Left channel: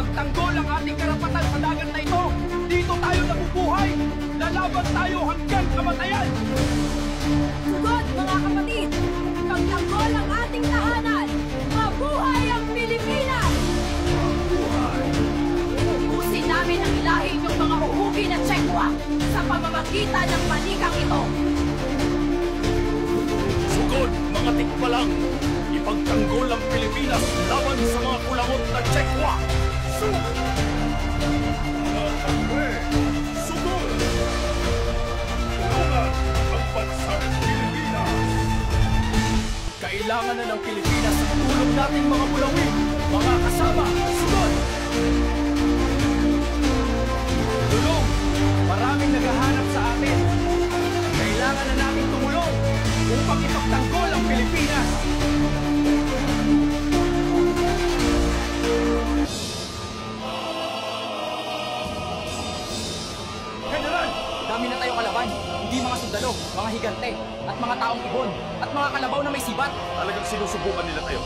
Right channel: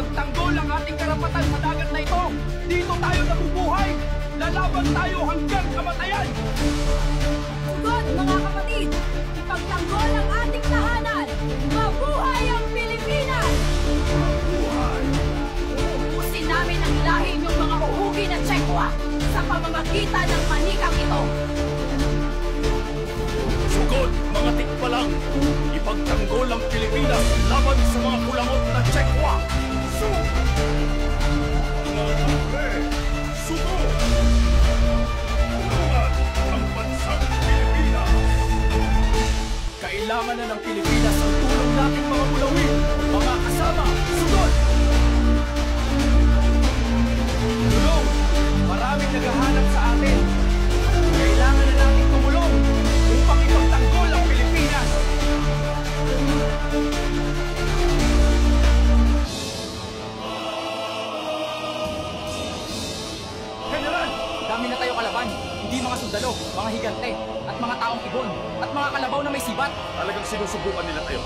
Ipagtanggol ang ating karapatan sa dagat na ito. Dito tayo nabubuhay. Lalaban tayo hanggang kamatayan. Sugod, mga kapatid! Ipagtanggol ang ating tahanan! Mabuhay ang Pilipinas! Mabuhay! Uubusin namin ang ilahi niyong mga uhugi na Tsekwa sa pamamagitan ng manikang ito. Sugod, mga tikbalang! Ipagtanggol ang Pilipinas laban sa mga kulangot na Tsekwa! Mga kapre, sugod! Tulungan ang bansang Pilipinas! Kailangan na ng Pilipinas ang tulong nating mga mulawin! Mga kasama, sugod! Tulong! Maraming naghahanap sa atin! Kailangan na nating tumulong upang ipagtanggol ang Pilipinas! General! Dami na tayo kalaban. Hindi mga sundalo, mga higante, at mga taong ibon, at mga kalabaw na may sibat. Talagang sinusubukan nila tayo.